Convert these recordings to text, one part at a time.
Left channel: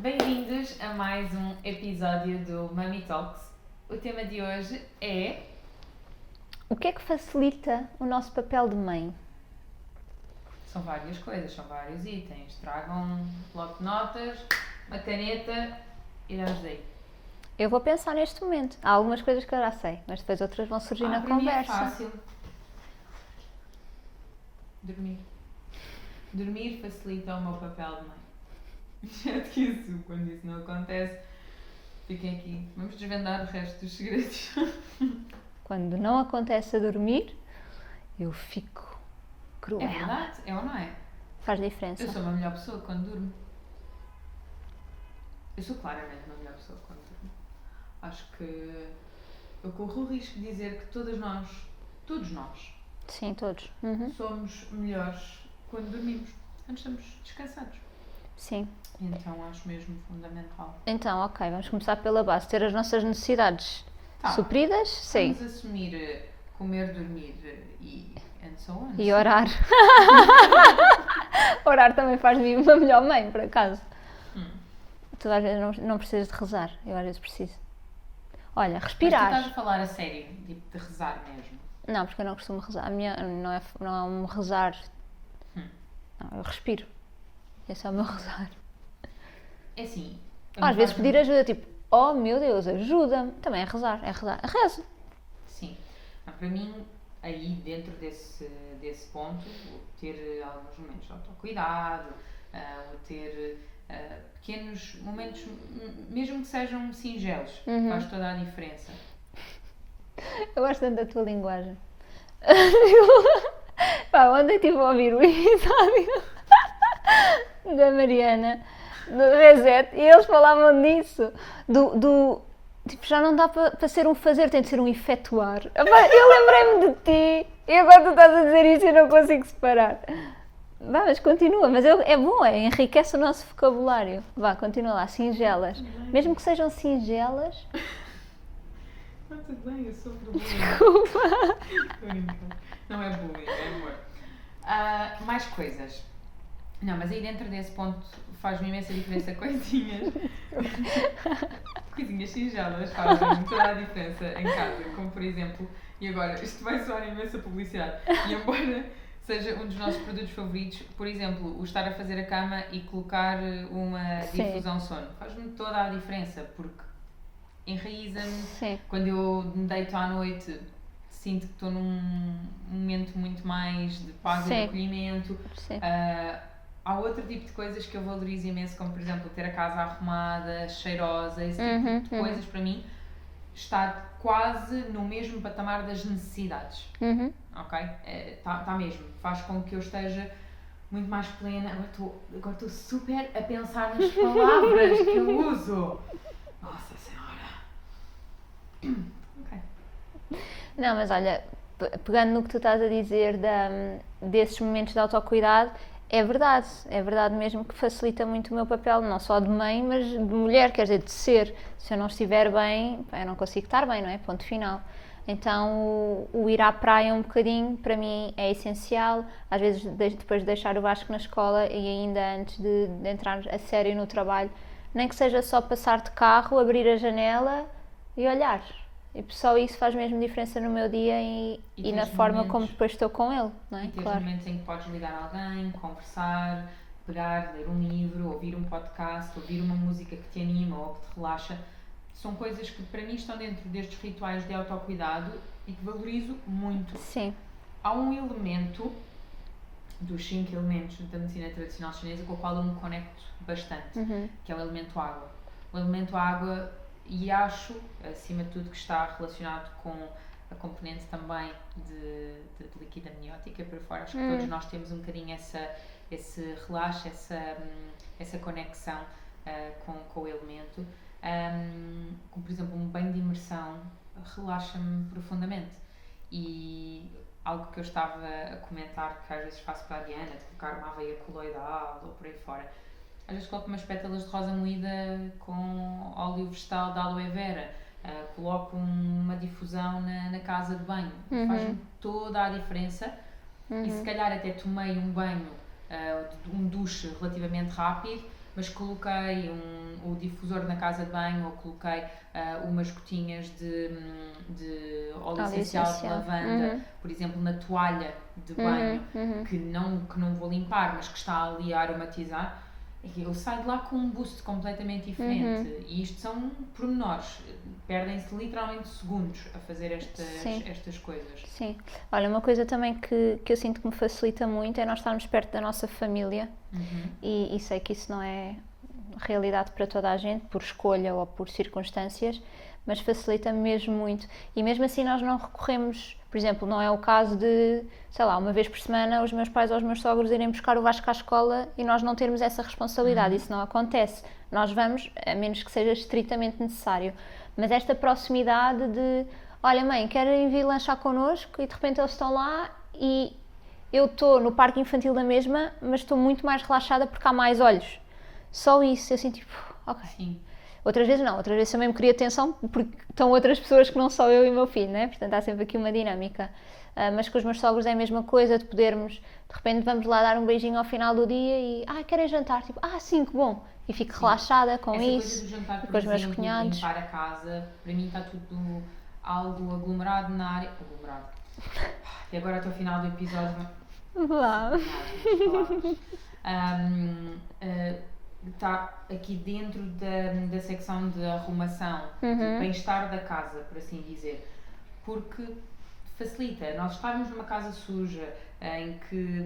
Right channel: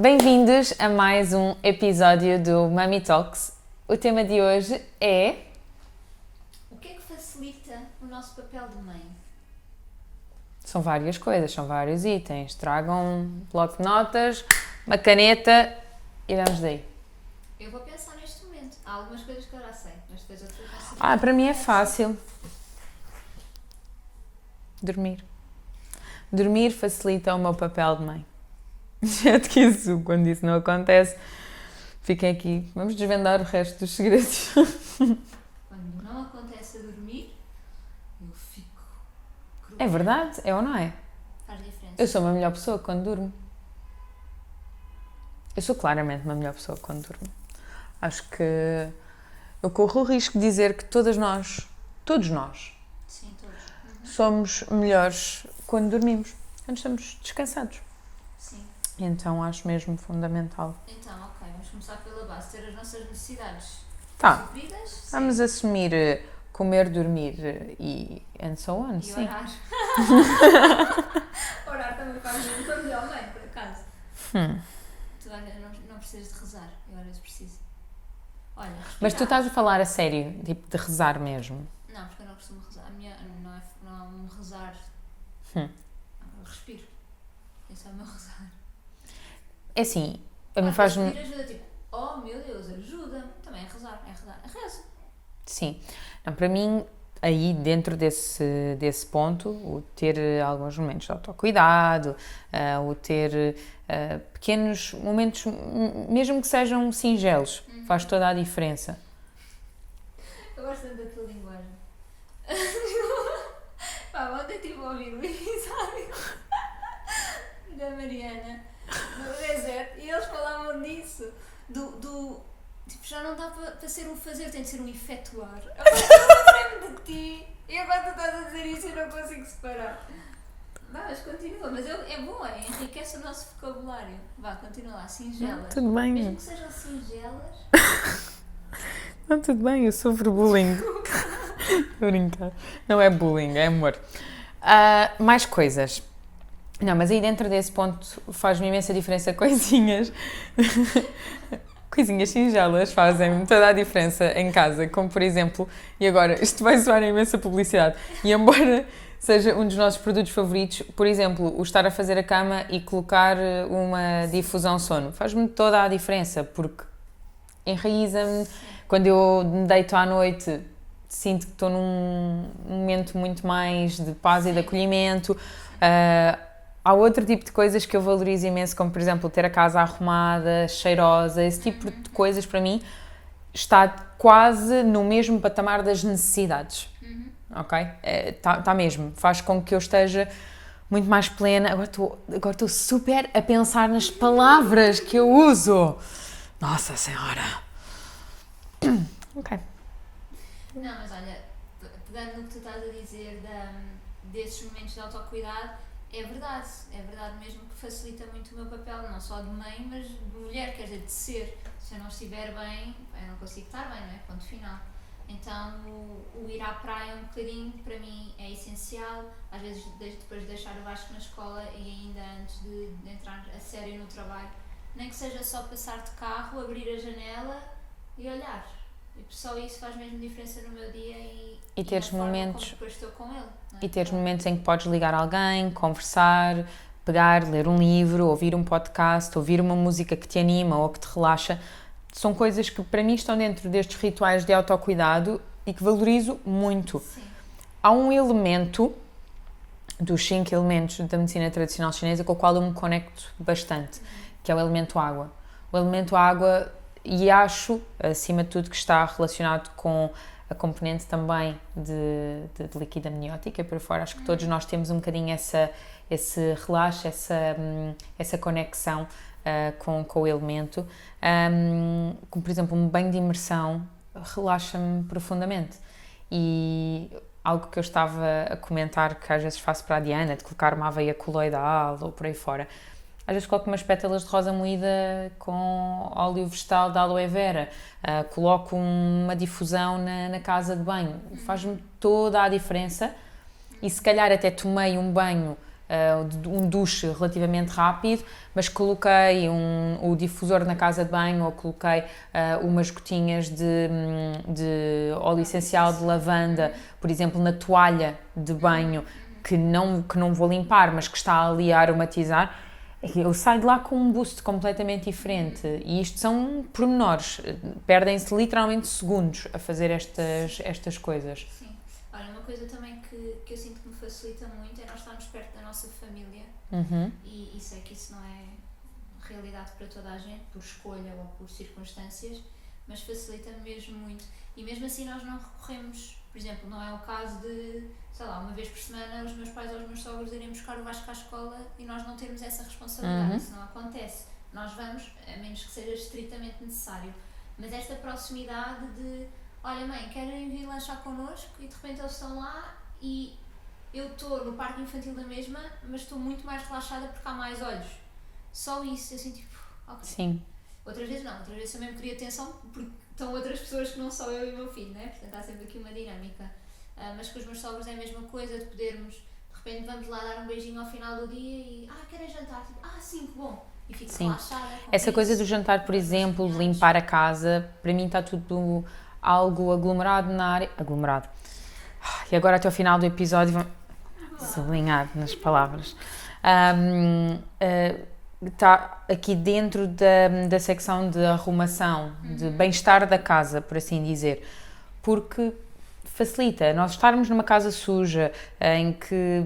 Bem-vindos a mais um episódio do Mummy Talks. O tema de hoje é... O que é que facilita o nosso papel de mãe? São várias coisas, são vários itens. Tragam um bloco de notas, uma caneta e vamos daí. Eu vou pensar neste momento. Há algumas coisas que eu já sei, mas depois outras vão surgir na Para mim é conversa. fácil. Dormir. Dormir facilita o meu papel de mãe. Exceto que isso, quando isso não acontece, fiquem aqui. Vamos desvendar o resto dos segredos. Quando não acontece a dormir, eu fico cruel. É verdade, é ou não é? Faz diferença. Eu sou uma melhor pessoa quando durmo. Eu sou claramente uma melhor pessoa quando durmo. Acho que eu corro o risco de dizer que todos nós, Sim, todos. somos melhores quando dormimos, quando estamos descansados. Sim. Então acho mesmo fundamental. Então, ok, vamos começar pela base. Ter as nossas necessidades supridas. Sim. Vamos assumir comer, dormir e and so on. E sim. orar. Orar também faz-me uma melhor mãe, por acaso. Tu às vezes não precisas de rezar. Eu às vezes preciso. Olha, Mas respirar. tu estás a falar a sério, tipo de rezar mesmo? Não, porque eu não costumo rezar. A minha não é um rezar. Não, eu respiro. Esse é o meu rezar. É assim, Às vezes pedir ajuda, tipo, oh meu Deus, ajuda-me. Também é rezar. Rezo. Sim. Não, para mim, aí dentro desse ponto, o ter alguns momentos de autocuidado, o ter pequenos momentos, mesmo que sejam singelos, faz toda a diferença. Eu gosto tanto da tua linguagem. Pá, ontem estive a ouvir o episódio da Mariana, do Reset, e eles falavam disso, tipo, já não dá para ser um fazer, tem de ser um efetuar. Eu lembrei-me de ti, e agora tu estás a dizer isso e eu não consigo separar. Vá, mas continua, mas é bom, enriquece o nosso vocabulário. Vá, continua lá, singelas. Tudo bem. Mesmo que sejam singelas. Não, tudo bem, eu sofro bullying. Estou a brincar. Não é bullying, é amor. Mais coisas. Não, mas aí dentro desse ponto faz-me imensa diferença coisinhas. Coisinhas singelas fazem toda a diferença em casa, como por exemplo, e agora, isto vai soar a imensa publicidade, e embora seja um dos nossos produtos favoritos, por exemplo, o estar a fazer a cama e colocar uma difusão sono, faz-me toda a diferença, porque enraiza-me. Sim. Quando eu me deito à noite, sinto que estou num momento muito mais de paz e de acolhimento. Há outro tipo de coisas que eu valorizo imenso, como por exemplo ter a casa arrumada, cheirosa, esse tipo de coisas para mim está quase no mesmo patamar das necessidades, ok? Está mesmo, faz com que eu esteja muito mais plena. Agora estou super a pensar nas palavras que eu uso. Nossa Senhora! Ok. Não, mas olha, pegando no que tu estás a dizer desses momentos de autocuidado, é verdade mesmo que facilita muito o meu papel, não só de mãe, mas de mulher, quer dizer, de ser. Se eu não estiver bem, eu não consigo estar bem, não é? Ponto final. Então, o ir à praia um bocadinho, para mim, é essencial. Às vezes, depois de deixar o Vasco na escola e ainda antes de entrar a sério no trabalho, nem que seja só passar de carro, abrir a janela e olhar. E só isso faz mesmo diferença no meu dia e na forma como depois estou com ele. Não é? E teres momentos em que podes ligar a alguém, conversar, pegar, ler um livro, ouvir um podcast, ouvir uma música que te anima ou que te relaxa. São coisas que para mim estão dentro destes rituais de autocuidado e que valorizo muito. Sim. Há um elemento dos 5 elementos da medicina tradicional chinesa com o qual eu me conecto bastante, que é o elemento água. O elemento água, e acho, acima de tudo, que está relacionado com a componente também de líquido amniótico, por fora. Acho que todos nós temos um bocadinho esse relaxo, essa conexão com o elemento. Como, por exemplo, um banho de imersão relaxa-me profundamente. E algo que eu estava a comentar, que às vezes faço para a Diana, de colocar uma aveia coloidal ou por aí fora. Às vezes coloco umas pétalas de rosa moída com óleo vegetal de aloe vera, coloco uma difusão na casa de banho. Faz-me toda a diferença. E se calhar até tomei um banho um duche relativamente rápido, mas coloquei o difusor na casa de banho ou coloquei umas gotinhas de óleo essencial de lavanda, por exemplo, na toalha de banho, que não vou limpar, mas que está ali a aromatizar, eu saio de lá com um boost completamente diferente. E isto são pormenores, perdem-se literalmente segundos a fazer estas coisas. Sim. Olha, uma coisa também que eu sinto que me facilita muito é nós estarmos perto da nossa família, e sei que isso não é realidade para toda a gente, por escolha ou por circunstâncias, mas facilita-me mesmo muito. E mesmo assim nós não recorremos, por exemplo, não é o caso de, sei lá, uma vez por semana os meus pais ou os meus sogros irem buscar o Vasco à escola e nós não termos essa responsabilidade. Isso não acontece. Nós vamos, a menos que seja estritamente necessário. Mas esta proximidade de, olha mãe, querem vir lanchar connosco, e de repente eles estão lá e eu estou no parque infantil da mesma, mas estou muito mais relaxada porque há mais olhos. Só isso, assim tipo, ok. Sim. Outras vezes não, outras vezes também me queria atenção porque estão outras pessoas que não só eu e o meu filho, né? Portanto há sempre aqui uma dinâmica. Mas com os meus sogros é a mesma coisa, de podermos, de repente vamos lá dar um beijinho ao final do dia e, querem jantar? Tipo, sim, que bom. E fico relaxada com essa isso. coisa do jantar, por exemplo, de limpar a casa, para mim está tudo algo aglomerado na área. Aglomerado. E agora até ao final do episódio vamos sublinhar nas palavras. Está aqui dentro da secção de arrumação, de bem-estar da casa, por assim dizer, porque facilita nós estarmos numa casa suja, em que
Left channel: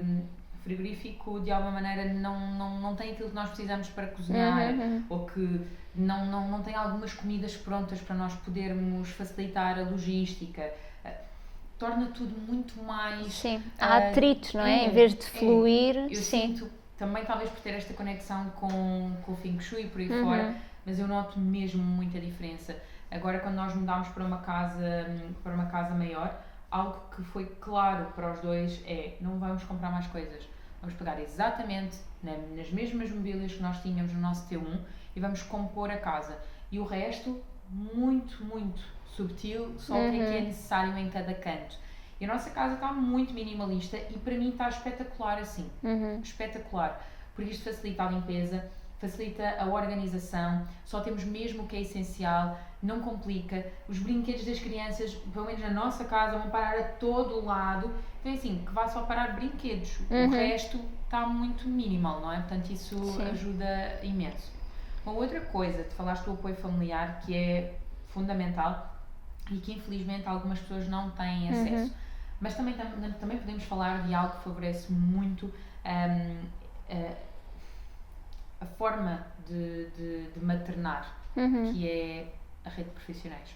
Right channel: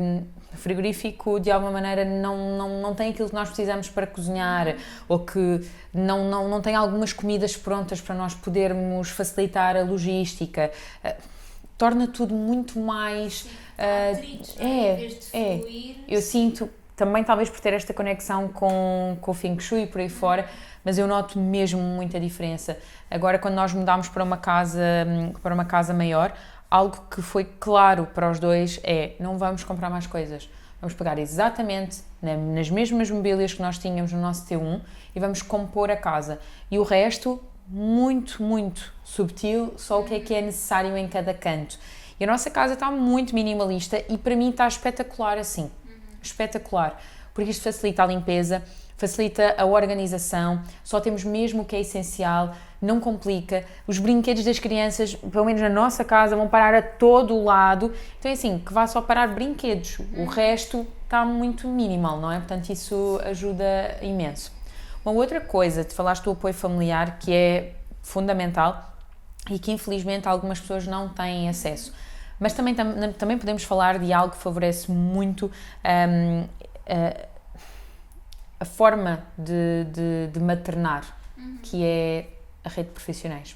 o frigorífico de alguma maneira não tem aquilo que nós precisamos para cozinhar, ou que não tem algumas comidas prontas para nós podermos facilitar a logística. Torna tudo muito mais... Sim, há atritos, não é? Em vez de fluir. Eu sinto... Também talvez por ter esta conexão com o Feng Shui por aí fora, mas eu noto mesmo muita diferença. Agora, quando nós mudámos para uma casa maior, algo que foi claro para os dois é: não vamos comprar mais coisas. Vamos pegar exatamente nas mesmas mobílias que nós tínhamos no nosso T1 e vamos compor a casa. E o resto, muito, muito subtil, só o que é necessário em cada canto. E a nossa casa está muito minimalista e para mim está espetacular assim. Espetacular. Porque isto facilita a limpeza, facilita a organização, só temos mesmo o que é essencial, não complica. Os brinquedos das crianças, pelo menos na nossa casa, vão parar a todo o lado. Então é assim, que vá só parar brinquedos. O resto está muito minimal, não é? Portanto, isso ajuda imenso. Uma outra coisa, te falaste do apoio familiar, que é fundamental e que infelizmente algumas pessoas não têm acesso. Mas também podemos falar de algo que favorece muito a forma de maternar, que é a rede de profissionais.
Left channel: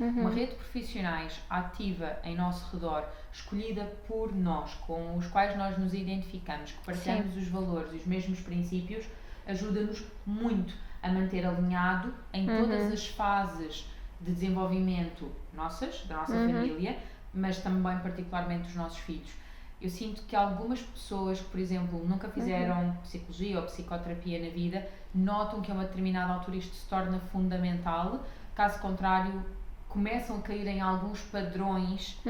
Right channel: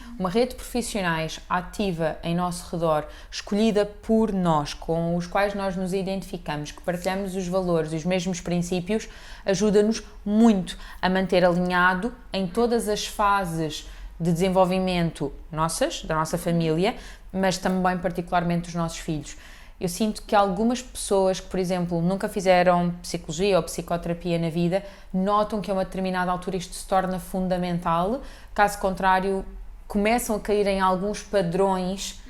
Uma rede de profissionais ativa em nosso redor, escolhida por nós, com os quais nós nos identificamos, que partilhamos os valores e os mesmos princípios, ajuda-nos muito a manter alinhado em todas as fases de desenvolvimento da nossa família, mas também particularmente dos nossos filhos. Eu sinto que algumas pessoas que, por exemplo, nunca fizeram psicologia ou psicoterapia na vida, notam que a uma determinada altura isto se torna fundamental, caso contrário começam a cair em alguns padrões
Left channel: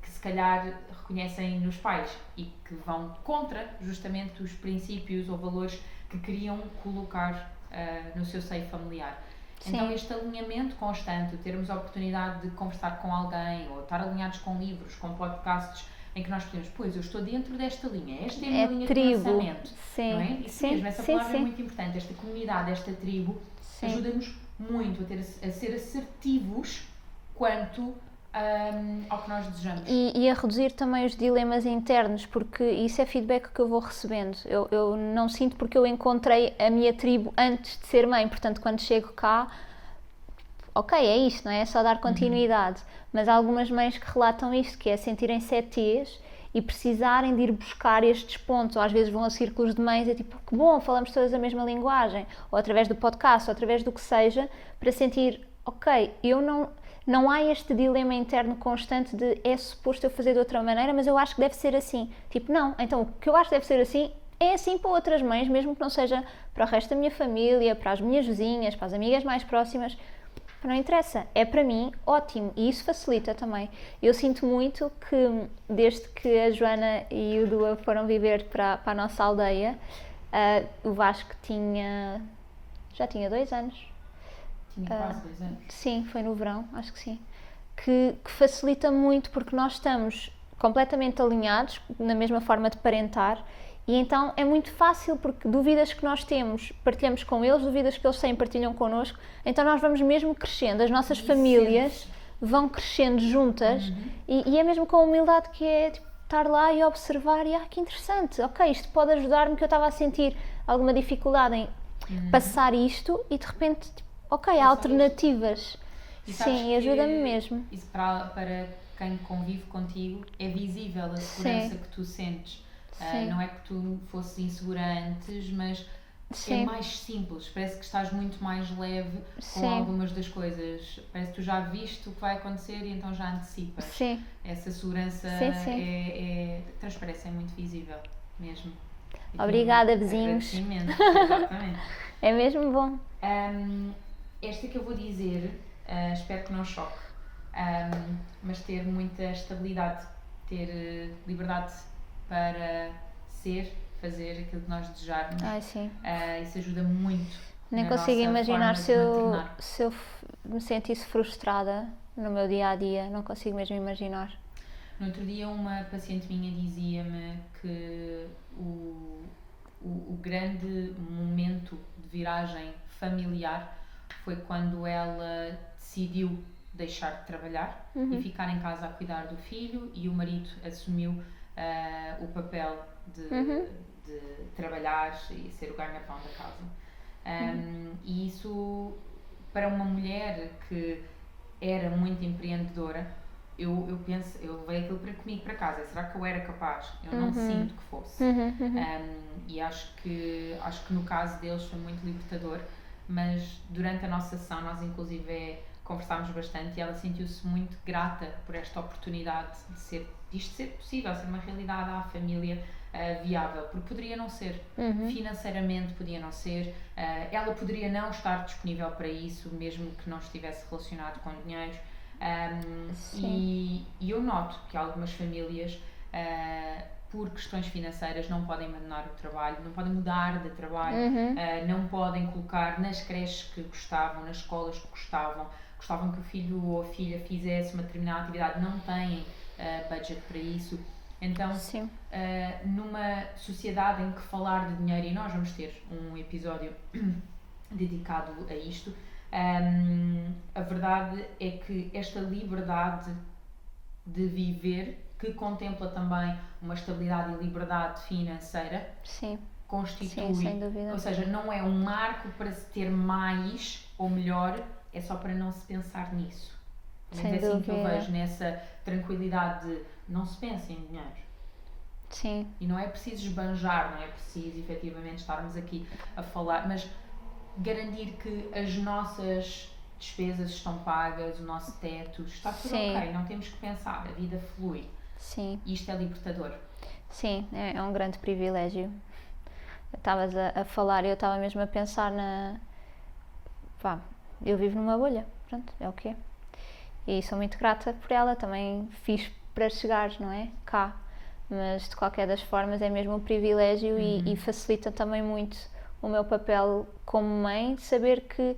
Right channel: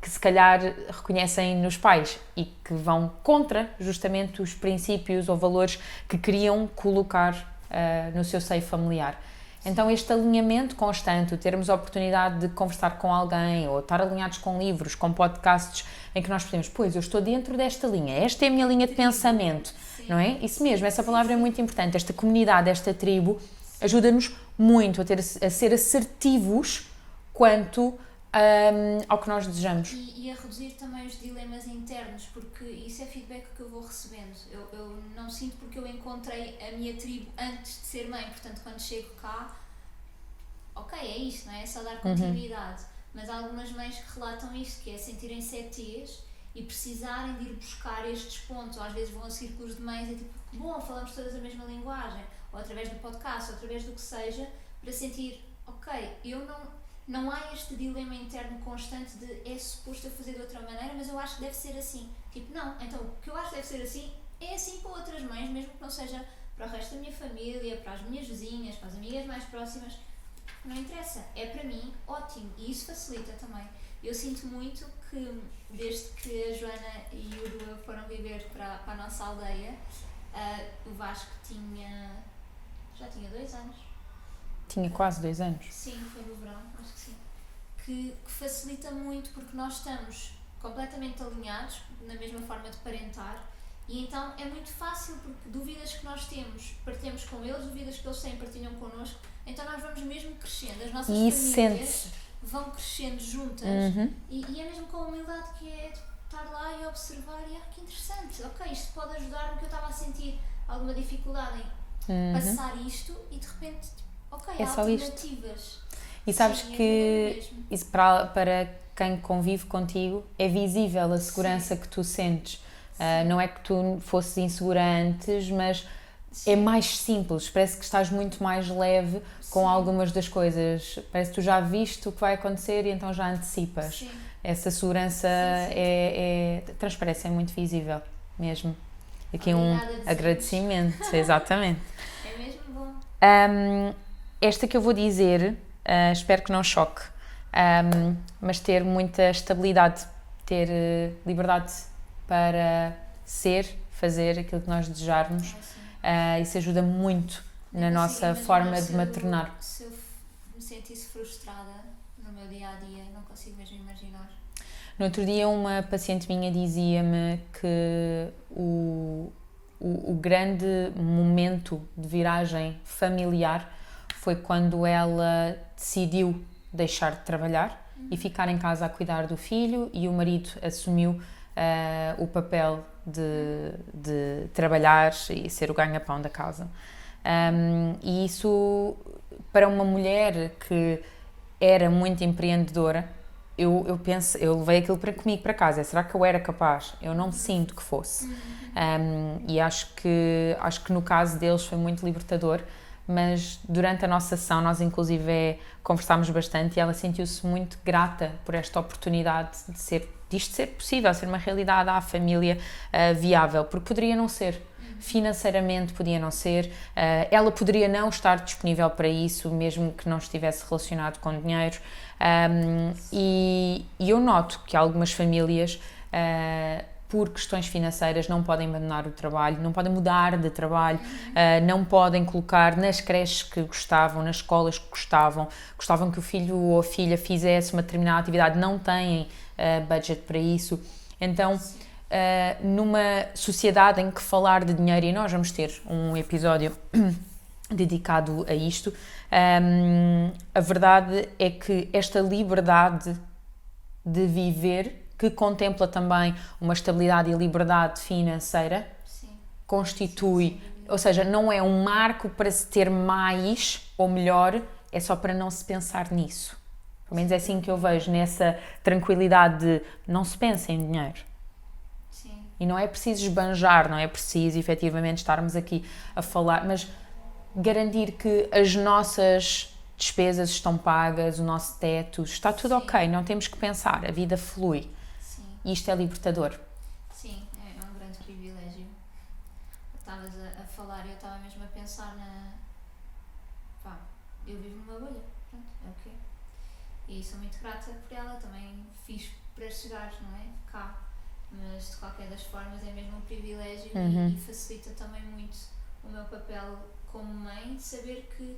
que se calhar reconhecem nos pais e que vão contra justamente os princípios ou valores que queriam colocar no seu seio familiar. Então este alinhamento constante, termos a oportunidade de conversar com alguém ou estar alinhados com livros, com podcasts em que nós podemos, pois eu estou dentro desta linha, esta é a minha linha de pensamento, não é? Isso mesmo, essa palavra é muito importante, esta comunidade, esta tribo ajuda-nos muito a ser assertivos quanto ao que nós desejamos. E a reduzir também os dilemas internos, porque isso é feedback que eu vou recebendo. Eu não sinto porque eu encontrei a minha tribo antes de ser mãe, portanto quando chego cá, ok, é isto, não é? É só dar continuidade. Mas há algumas mães que relatam isto, que é sentirem-se ETs e precisarem de ir buscar estes pontos, ou às vezes vão a círculos de mães, é tipo, que bom, falamos todas a mesma linguagem, ou através do podcast, ou através do que seja, para sentir, ok, não há este dilema interno constante de é suposto eu fazer de outra maneira, mas eu acho que deve ser assim. Tipo, não, então o que eu acho que deve ser assim é assim para outras mães, mesmo que não seja para o resto da minha família, para as minhas vizinhas, para as amigas mais próximas. Não interessa, é para mim ótimo e isso facilita também. Eu sinto muito que desde que a Joana e o Dua foram viver para a nossa aldeia, o Vasco já tinha 2 anos. Tinha quase 2 anos. Sim, foi no verão, acho que sim. Que facilita muito porque nós estamos completamente alinhados na mesma forma de parentar e então é muito fácil porque dúvidas que nós temos partilhamos com eles, dúvidas que eles têm partilham connosco, então nós vamos mesmo crescendo, as nossas famílias vão crescendo juntas e é mesmo com a humildade que é tipo, estar lá e observar e que interessante, ok, isto pode ajudar-me que eu estava a sentir alguma dificuldade em passar isto e de repente, tipo, ok, há alternativas. E sabes sim, que ajuda-me mesmo. Isso para quem convive contigo é visível a segurança que tu sentes. Não é que tu fosses insegura antes, mas é mais simples. Parece que estás muito mais leve com algumas das coisas. Parece que tu já viste o que vai acontecer e então já antecipas. Sim. Essa segurança transparece, é muito visível mesmo. Aqui obrigada, vizinhos. Agradecimento, exatamente. É mesmo bom. Esta que eu vou dizer, espero que não choque, mas ter muita estabilidade, ter liberdade para fazer aquilo que nós desejarmos. Isso ajuda muito na nossa forma de maternar. Se eu me sentisse frustrada no meu dia-a-dia, não consigo mesmo imaginar. No outro dia uma paciente minha dizia-me que o grande momento de viragem familiar foi quando ela decidiu deixar de trabalhar e ficar em casa a cuidar do filho e o marido assumiu o papel de trabalhar e ser o ganha-pão da casa. E isso, para uma mulher que era muito empreendedora, eu penso, eu levei aquilo comigo para casa. Será que eu era capaz? Eu não sinto que fosse. E acho que no caso deles foi muito libertador, mas durante a nossa sessão nós inclusive conversámos bastante e ela sentiu-se muito grata por esta oportunidade disto ser possível, ser uma realidade à família viável, porque poderia não ser, financeiramente podia não ser, ela poderia não estar disponível para isso, mesmo que não estivesse relacionado com dinheiro, e eu noto que algumas famílias por questões financeiras não podem abandonar o trabalho, não podem mudar de trabalho, não podem colocar nas creches que gostavam, nas escolas que gostavam que o filho ou a filha fizesse uma determinada atividade, não têm budget para isso. Então, numa sociedade em que falar de dinheiro, e nós vamos ter um episódio dedicado a isto, a verdade é que esta liberdade de viver, que contempla também uma estabilidade e liberdade financeira, constitui, ou seja, não é um marco para se ter mais ou melhor, é só para não se pensar nisso. Pelo menos é assim que eu vejo, nessa tranquilidade de não se pensa em dinheiro. Sim. E não é preciso esbanjar, não é preciso efetivamente estarmos aqui a falar, mas garantir que as nossas despesas estão pagas, o nosso teto, está tudo ok, não temos que pensar, a vida flui. Sim. E isto é libertador. Sim, é um grande privilégio. Estavas a falar e eu estava mesmo a pensar eu vivo numa bolha, pronto, é o que é. E sou muito grata por ela, também fiz para chegar, não é? Cá. Mas de qualquer das formas é mesmo um privilégio e facilita também muito o meu papel como mãe, saber que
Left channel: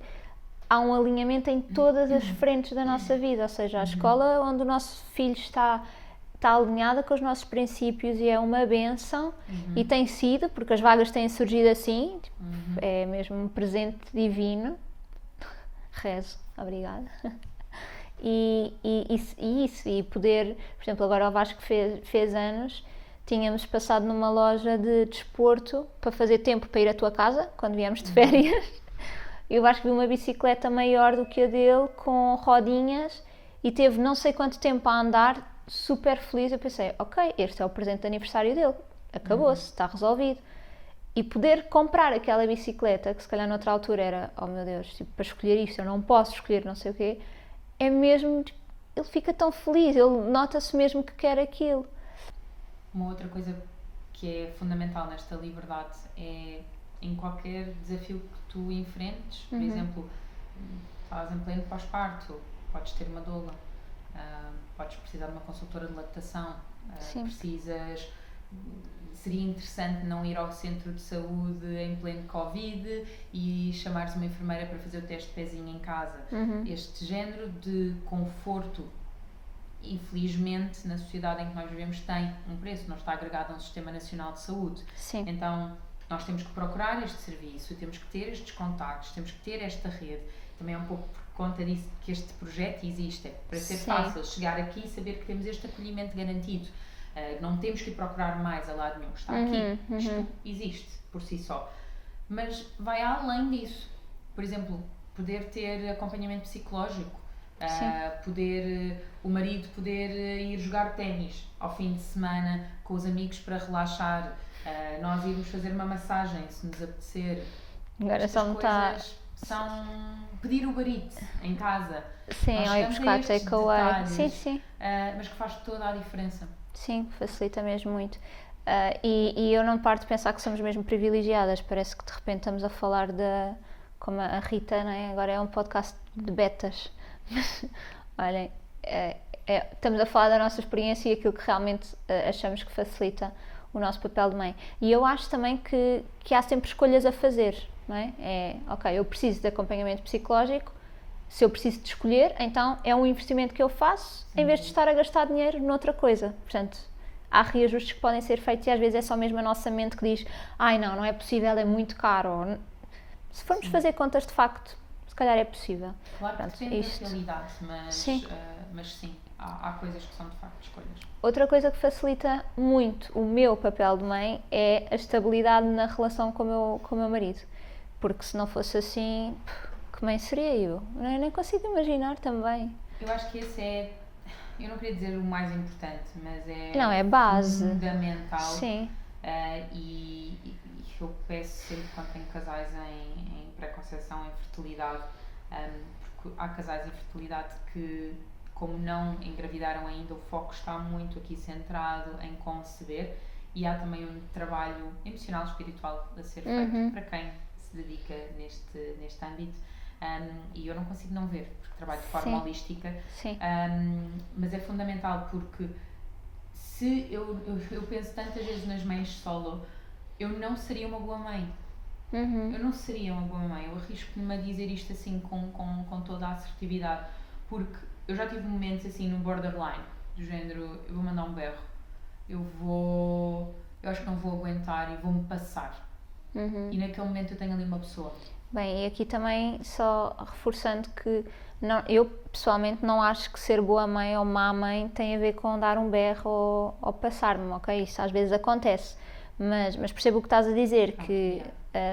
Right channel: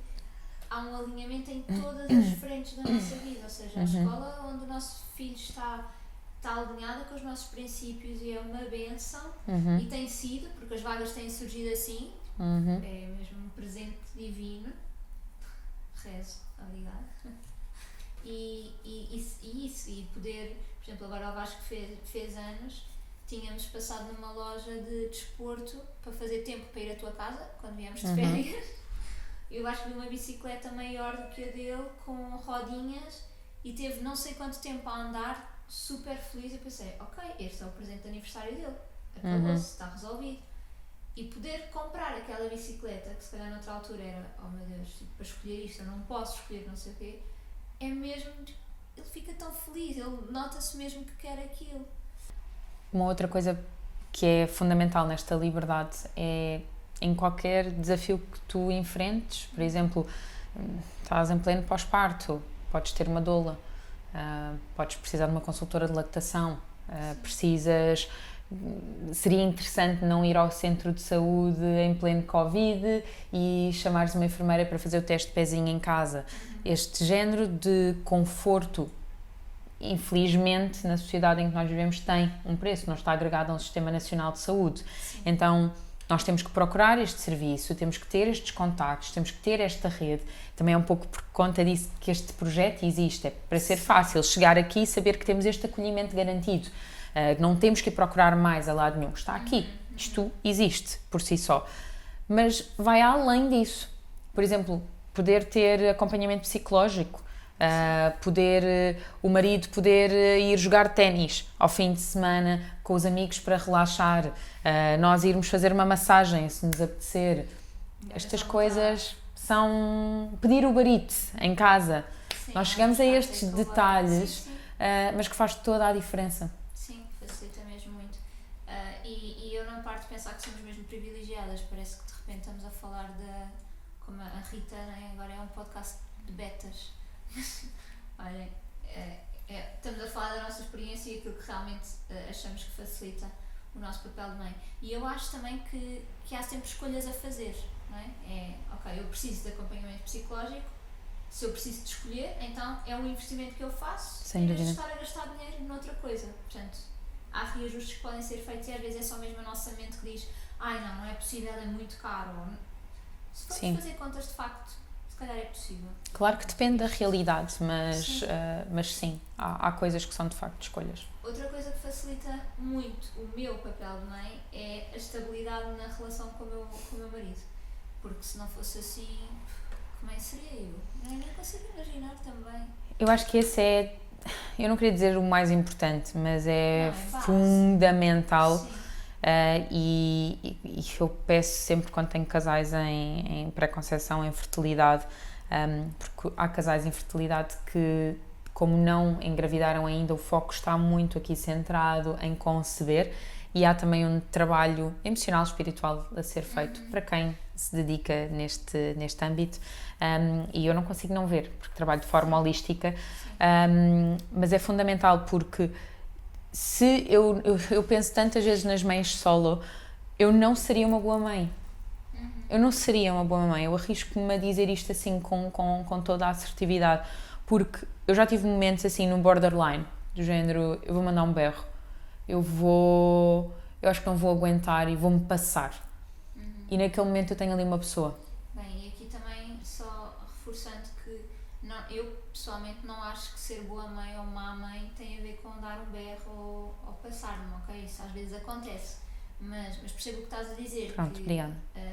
há um alinhamento em todas as frentes da nossa vida, ou seja, a escola onde o nosso filho está alinhada com os nossos princípios e é uma bênção e tem sido, porque as vagas têm surgido assim, é mesmo um presente divino. Rezo, obrigada. E poder, por exemplo, agora o Vasco fez anos, tínhamos passado numa loja de desporto para fazer tempo para ir à tua casa, quando viemos de férias, e o Vasco viu uma bicicleta maior do que a dele, com rodinhas, e teve não sei quanto tempo a andar, super feliz. Eu pensei, ok, este é o presente de aniversário dele, acabou-se, está resolvido. E poder comprar aquela bicicleta, que se calhar noutra altura era, oh meu Deus, tipo, para escolher isto, eu não posso escolher não sei o quê, é mesmo, ele fica tão feliz, ele nota-se mesmo que quer aquilo. Uma outra coisa que é fundamental nesta liberdade é, em qualquer desafio que tu enfrentes, por exemplo, estás em pleno pós-parto, podes ter uma doula, podes precisar de uma consultora de lactação, precisas... Seria interessante não ir ao centro de saúde em pleno Covid e chamares uma enfermeira para fazer o teste de pezinho em casa. Este género de conforto, infelizmente, na sociedade em que nós vivemos, tem um preço, não está agregado a um sistema nacional de saúde. Sim. Então, nós temos que procurar este serviço, temos que ter estes contactos, temos que ter esta rede. Também é um pouco por conta disso que este projeto existe, é para ser fácil chegar aqui e saber que temos este acolhimento garantido. Não temos que ir procurar mais a lado nenhum, está aqui, isto existe por si só. Mas vai além disso. Por exemplo, poder ter acompanhamento psicológico, o marido poder ir jogar ténis ao fim de semana com os amigos para relaxar, nós irmos fazer uma massagem se nos apetecer. Estas coisas são pedir o Uber Eats em casa. Sim, nós chegamos a estes detalhes, mas que faz toda a diferença. Sim, facilita mesmo muito. E eu não paro de pensar que somos mesmo privilegiadas. Parece que de repente estamos a falar como a Rita, não é? Agora é um podcast de betas. Olhem, estamos a falar da nossa experiência e aquilo que realmente achamos que facilita o nosso papel de mãe. E eu acho também que há sempre escolhas a fazer, não é? Ok, eu preciso de acompanhamento psicológico. Se eu preciso de escolher, então é um investimento que eu faço em vez de estar a gastar dinheiro noutra coisa. Portanto, há reajustes que podem ser feitos e às vezes é só mesmo a nossa mente que diz não é possível, é muito caro. Se formos fazer contas de facto, se calhar é possível. Claro que depende da realidade, mas sim, há coisas que são de facto escolhas. Outra coisa que facilita muito o meu papel de mãe é a estabilidade na relação com o meu marido. Porque se não fosse assim... Que mãe seria eu? Eu nem consigo imaginar também. Eu acho que esse é, eu não queria dizer o mais importante, mas é base. Fundamental. Sim. E eu peço sempre quando tenho casais em pré-conceição, em fertilidade, porque há casais em fertilidade que, como não engravidaram ainda, o foco está muito aqui centrado em conceber. E há também um trabalho emocional, espiritual a ser feito para quem se dedica neste âmbito. E eu não consigo não ver, porque trabalho de forma holística. Mas é fundamental porque se eu penso tantas vezes nas mães solo, eu não seria uma boa mãe. Eu não seria uma boa mãe. Eu arrisco-me a dizer isto assim com toda a assertividade, porque eu já tive momentos assim no borderline, do género, eu vou mandar um berro. Eu acho que não vou aguentar e vou-me passar. E naquele momento eu tenho ali uma pessoa. Bem, e aqui também só reforçando que eu pessoalmente não acho que ser boa mãe ou má mãe tem a ver com dar um berro ou passar-me, ok? Isso às vezes acontece. Mas percebo o que estás a dizer, que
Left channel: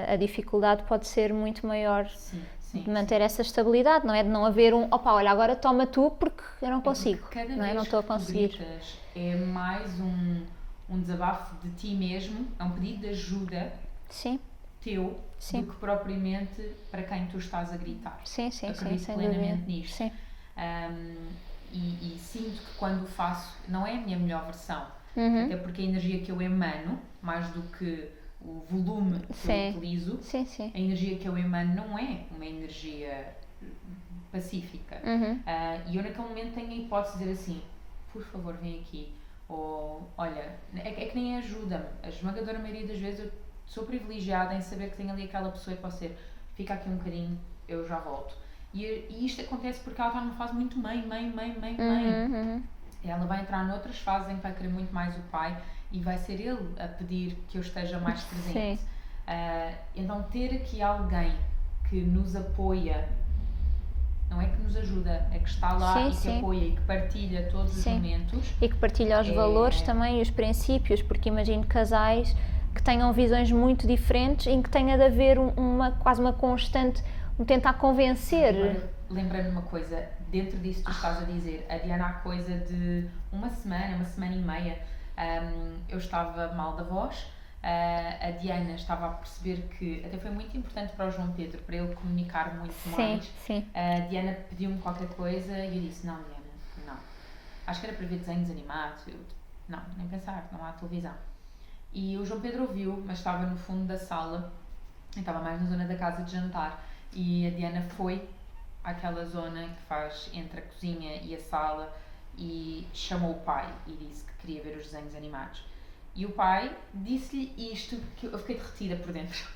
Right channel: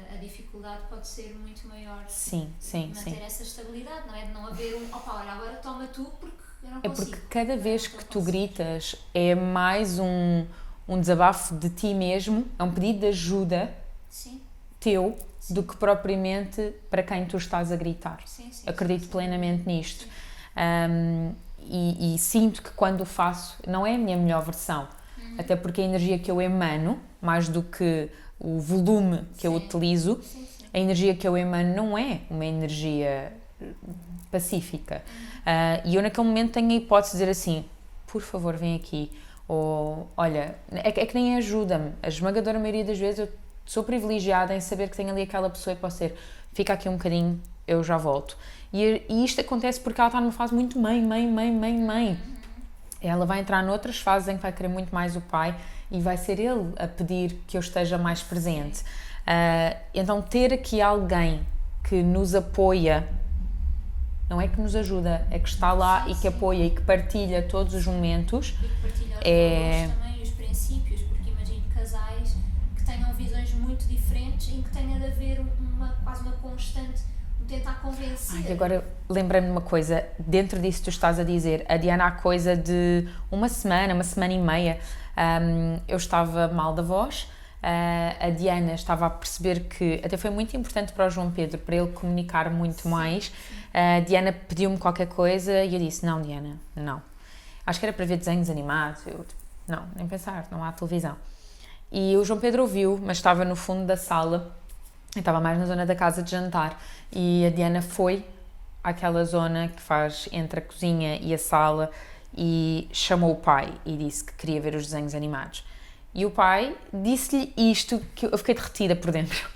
a dificuldade pode ser muito maior de manter essa estabilidade, não é? De não haver olha, agora toma tu porque eu não consigo. Porque cada vez que tu gritas é mais um desabafo de ti mesmo, é um pedido de ajuda teu, do que propriamente para quem tu estás a gritar. Acredito plenamente nisto. E sinto que quando o faço, não é a minha melhor versão. Até porque a energia que eu emano, mais do que o volume que eu utilizo, a energia que eu emano não é uma energia pacífica. E eu naquele momento tenho a hipótese de dizer assim, por favor vem aqui, ou olha, é que nem ajuda-me. A esmagadora maioria das vezes eu sou privilegiada em saber que tenho ali aquela pessoa e posso ser, fica aqui um bocadinho, eu já volto. E isto acontece porque ela está numa fase muito mãe. Ela vai entrar noutras fases em que vai querer muito mais o pai e vai ser ele a pedir que eu esteja mais presente. Então ter aqui alguém que nos apoia, não é que nos ajuda, é que está lá e que apoia e que partilha todos os momentos. E que partilha os valores também e os princípios, porque imagino casais que tenham visões muito diferentes em que tenha de haver quase uma constante tentar convencer. Agora lembrei-me de uma coisa, dentro disso que tu estás a dizer, a Diana há coisa de uma semana e meia, eu estava mal da voz, a Diana estava a perceber que, até foi muito importante para o João Pedro, para ele comunicar muito mais, a Diana pediu-me qualquer coisa e eu disse, não Diana, não, acho que era para ver desenhos animados, não, nem pensar, não há televisão. E o João Pedro ouviu, mas estava no fundo da sala, eu estava mais na zona da casa de jantar, e a Diana foi àquela zona que faz entre a cozinha e a sala e chamou o pai e disse que queria ver os desenhos animados. E o pai disse-lhe isto, que eu fiquei derretida por dentro.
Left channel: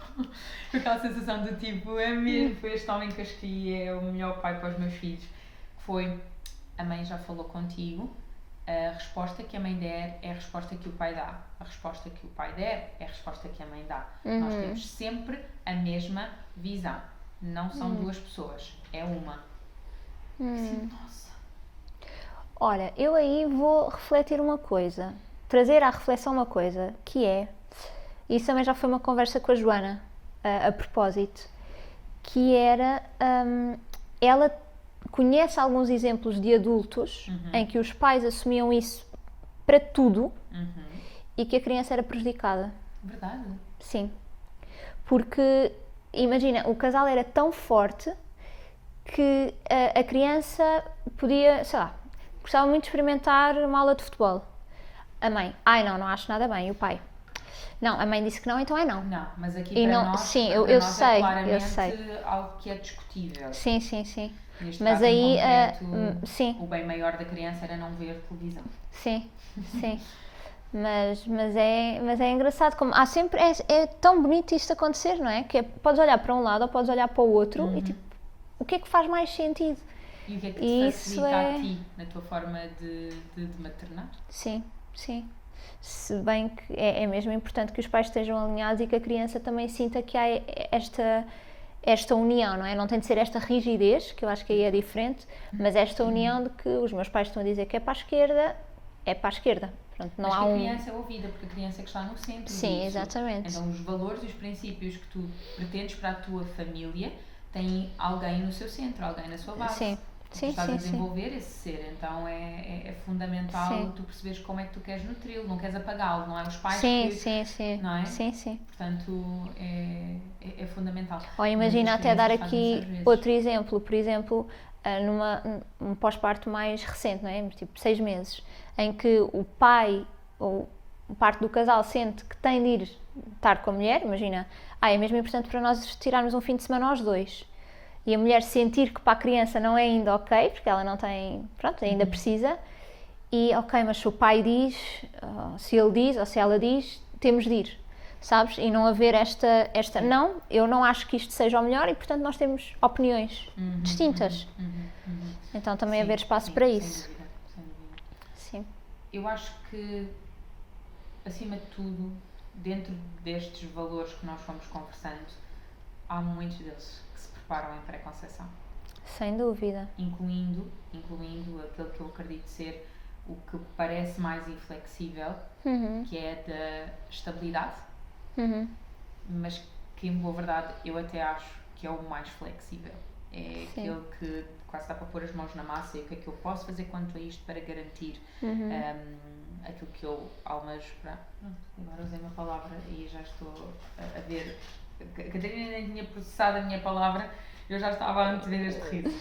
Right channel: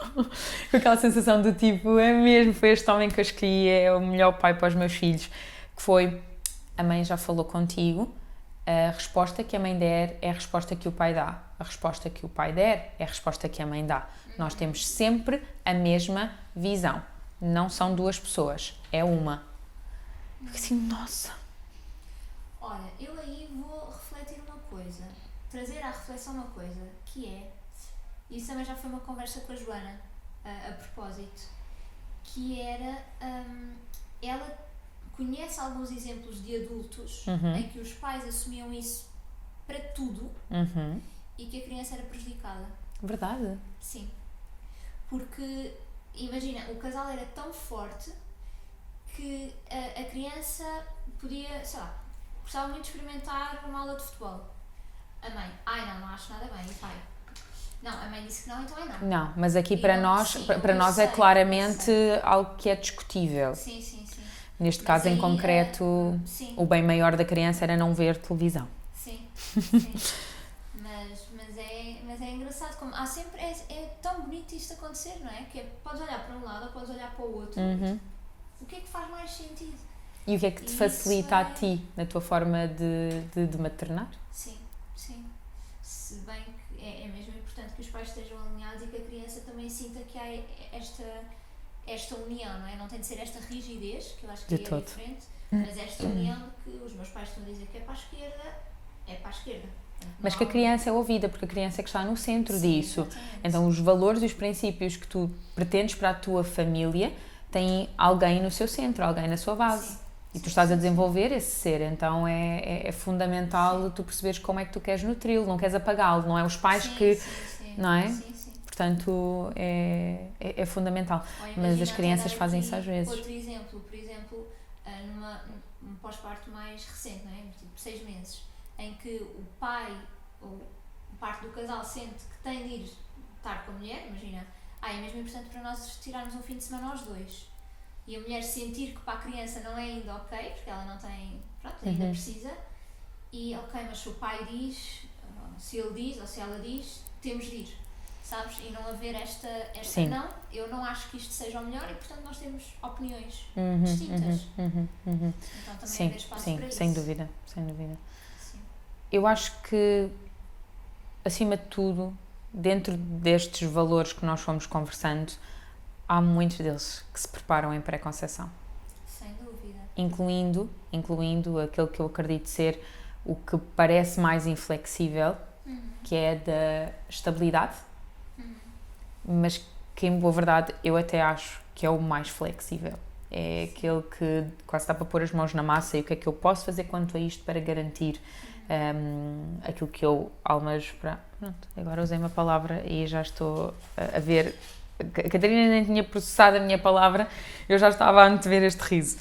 Com aquela sensação do tipo, é mesmo, foi este homem que eu escolhi, é o melhor pai para os meus filhos. Que foi, a mãe já falou contigo, a resposta que a mãe der é a resposta que o pai dá. A resposta que o pai der é a resposta que a mãe dá. Nós temos sempre a mesma visão. Não são duas pessoas, é uma. Assim, nossa. Olha, eu aí vou refletir uma coisa, trazer à reflexão uma coisa, que é, isso também já foi uma conversa com a Joana, a propósito, que era, ela conhece alguns exemplos de adultos em que os pais assumiam isso para tudo e que a criança era prejudicada. Verdade. Sim. Porque, imagina, o casal era tão forte que a criança podia, sei lá, gostava muito de experimentar uma aula de futebol. A mãe, não acho nada bem. E o pai, não, a mãe disse que não, então é não. Não, mas aqui E para não, nós, sim, para eu nós sei, é eu claramente sei. algo que é discutível. Sim, sim, sim. Neste Mas caso em aí, concreto, sim. o bem maior da criança era não ver televisão. Sim, sim. mas é engraçado como há sempre, é tão bonito isto acontecer, não é? Que podes olhar para um lado ou podes olhar para o outro e tipo, o que é que faz mais sentido? E o que é que te Isso facilita a ti, na tua forma de maternar? Sim, sim. Se bem que é mesmo importante que os pais estejam alinhados e que a criança também sinta que há esta união, não é? Não tem de ser esta rigidez, que eu acho que aí é diferente, mas esta união de que os meus pais estão a dizer que é para a esquerda, é para a esquerda. Pronto, mas que a criança é ouvida, porque a criança é que está no centro disso. Exatamente. Então os valores e os princípios que tu pretendes para a tua família têm alguém no seu centro, alguém na sua base. Sim. E tu estás a desenvolver esse ser, então é fundamental tu perceberes como é que tu queres nutri-lo, não queres apagá-lo, não é os pais que... Sim. Não é? Sim. Portanto, é fundamental. Ou imagina até dar aqui outro exemplo, por exemplo, num pós-parto mais recente, não é? Tipo 6 meses, em que o pai ou parte do casal sente que tem de ir estar com a mulher, imagina, é mesmo importante para nós tirarmos um fim de semana aos dois. E a mulher sentir que para a criança não é ainda ok, porque ela não tem, pronto, ainda precisa, e ok, mas se o pai diz, se ele diz ou se ela diz, temos de ir, sabes? E não haver esta não, eu não acho que isto seja o melhor e portanto nós temos opiniões distintas. Então também haver espaço para isso. Sem dúvida, sem dúvida. Sim. Eu acho que, acima de tudo, dentro destes valores que nós fomos conversando, há muitos deles que se preparam em pré-conceição. Sem dúvida. Incluindo aquele que eu acredito ser o que parece mais inflexível, que é da estabilidade, mas que, em boa verdade, eu até acho que é o mais flexível. É aquele que quase dá para pôr as mãos na massa e o que é que eu posso fazer quanto a isto para garantir aquilo que eu almejo para... Pronto, agora usei uma palavra e já estou a ver... A Catarina nem tinha processado a minha palavra, eu já estava a antever este riso.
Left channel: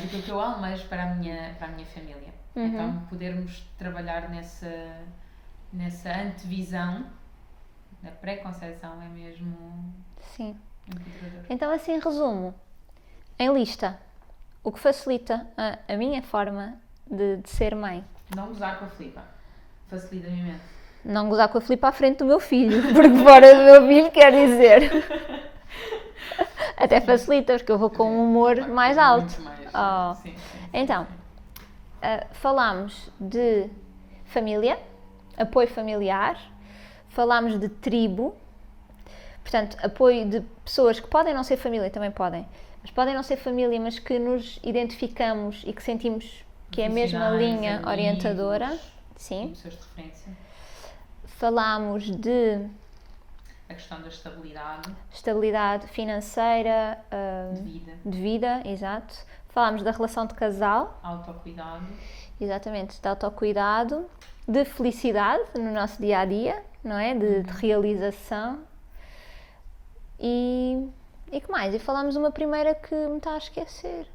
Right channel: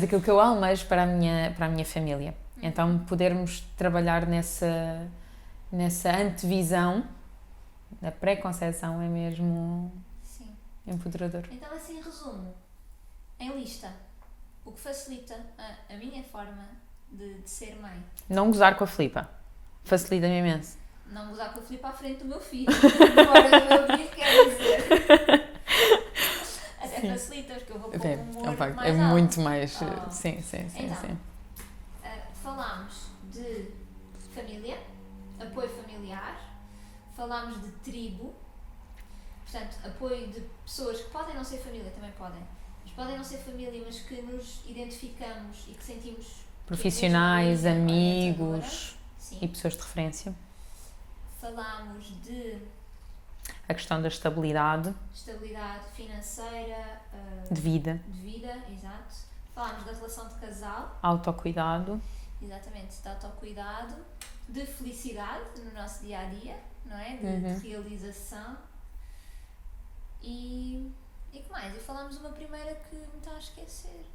Daquilo que eu almejo para a minha família. Então, podermos trabalhar nessa antevisão da pré-conceição é mesmo empoderador. Então, assim, em resumo, em lista, o que facilita a minha forma de ser mãe? Não gozar com a Filipa. Facilita-me imenso. Não gozar com a Filipa à frente do meu filho, porque fora do meu filho quer dizer. Até facilita, porque eu vou com um humor mais alto. Muito mais. Sim. Então, falámos de família, apoio familiar, falámos de tribo, portanto, apoio de pessoas que podem não ser família, também podem, mas podem não ser família, mas que nos identificamos e que sentimos que é a mesma linha amigos, orientadora. Sim. E pessoas de referência. Falámos de... A questão da estabilidade. Estabilidade financeira. De vida, exato. Falámos da relação de casal. Autocuidado. Exatamente, de autocuidado. De felicidade no nosso dia-a-dia, não é? De realização. E que mais? E falámos uma primeira que me estou a esquecer.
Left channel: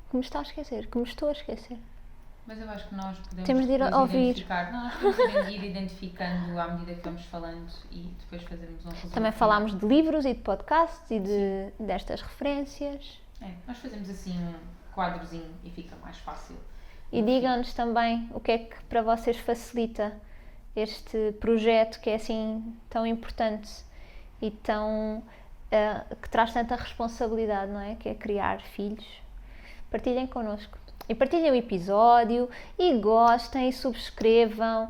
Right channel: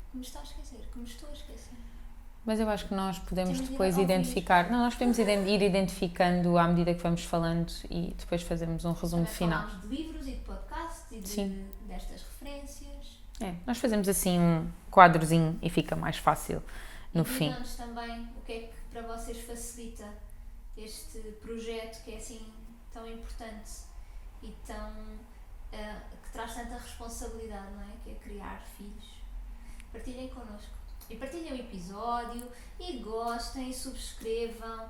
Mas eu acho que nós podemos Temos de ir depois ouvir. identificar. Não, nós podemos ir identificando à medida que vamos falando e depois fazermos um resumo Também final. falámos de livros e de podcasts e destas referências. Nós fazemos assim um quadrozinho e fica mais fácil. E digam-nos também o que é que para vocês facilita este projeto que é assim tão importante e tão que traz tanta responsabilidade, não é? Que é criar filhos. Partilhem connosco. E partilhem o episódio, e gostem, e subscrevam,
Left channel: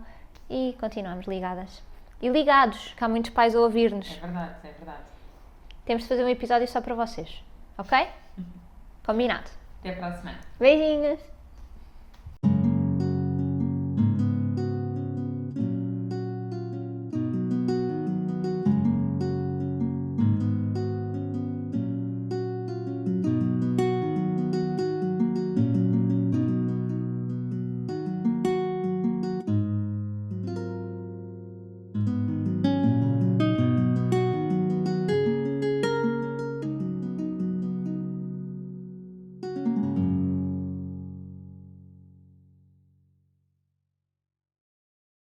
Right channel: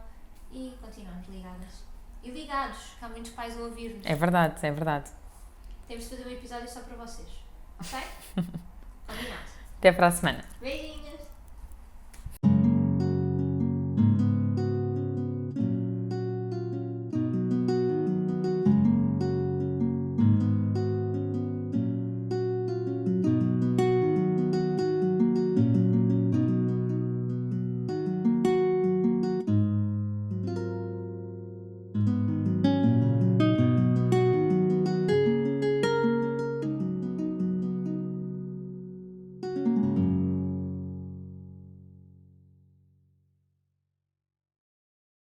e continuamos ligadas. E ligados, que há muitos pais a ouvir-nos. É verdade, é verdade. Temos de fazer um episódio só para vocês, ok? Combinado. Até para a semana. Beijinhos!